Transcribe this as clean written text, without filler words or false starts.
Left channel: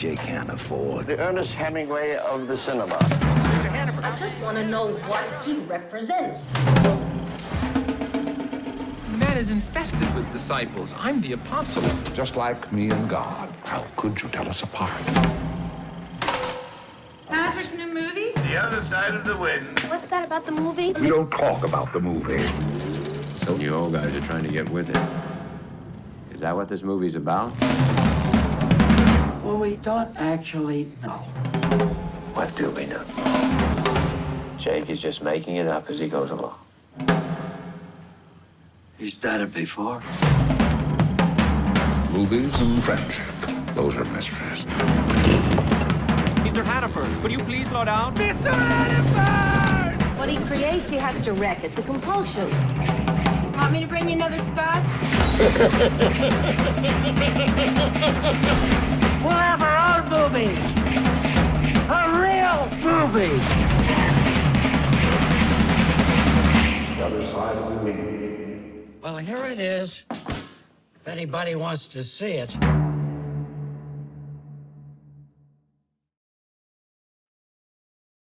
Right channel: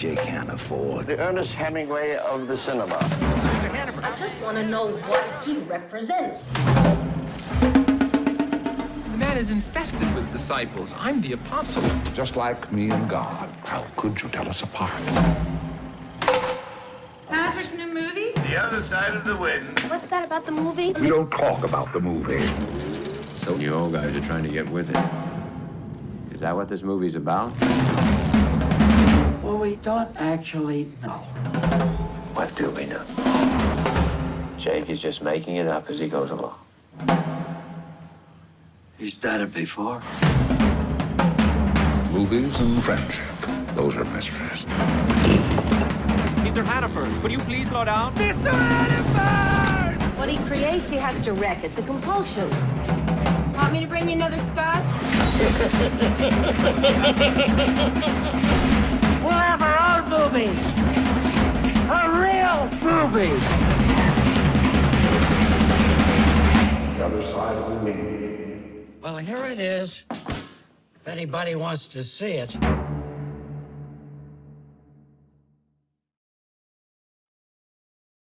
Jay can't afford. The Ernest Hemingway of the cinema. Mr. Hannaford. I just want to know what he represents. The man is infested with disciples. I'm the apostle. Just like me and God. How could you tell us apart? Hannaford's new movie? The Other Side of the Wind. What's that about the movie? We don't talk about the movie. So you old guys are trying to get with it. Is that what this movie's about? Well, we don't actually know. What do we know? Jake is just making it up as he goes along. He's done it before. Movies and friendship. Those are mysteries. Mr. Hannaford, could you please slow down? What he creates, he has to wreck. It's a compulsion. Want me to bring you another scotch? We'll have our own movie. A real movie. The Other Side of the Wind. Well, here it is. If anybody wants to see it.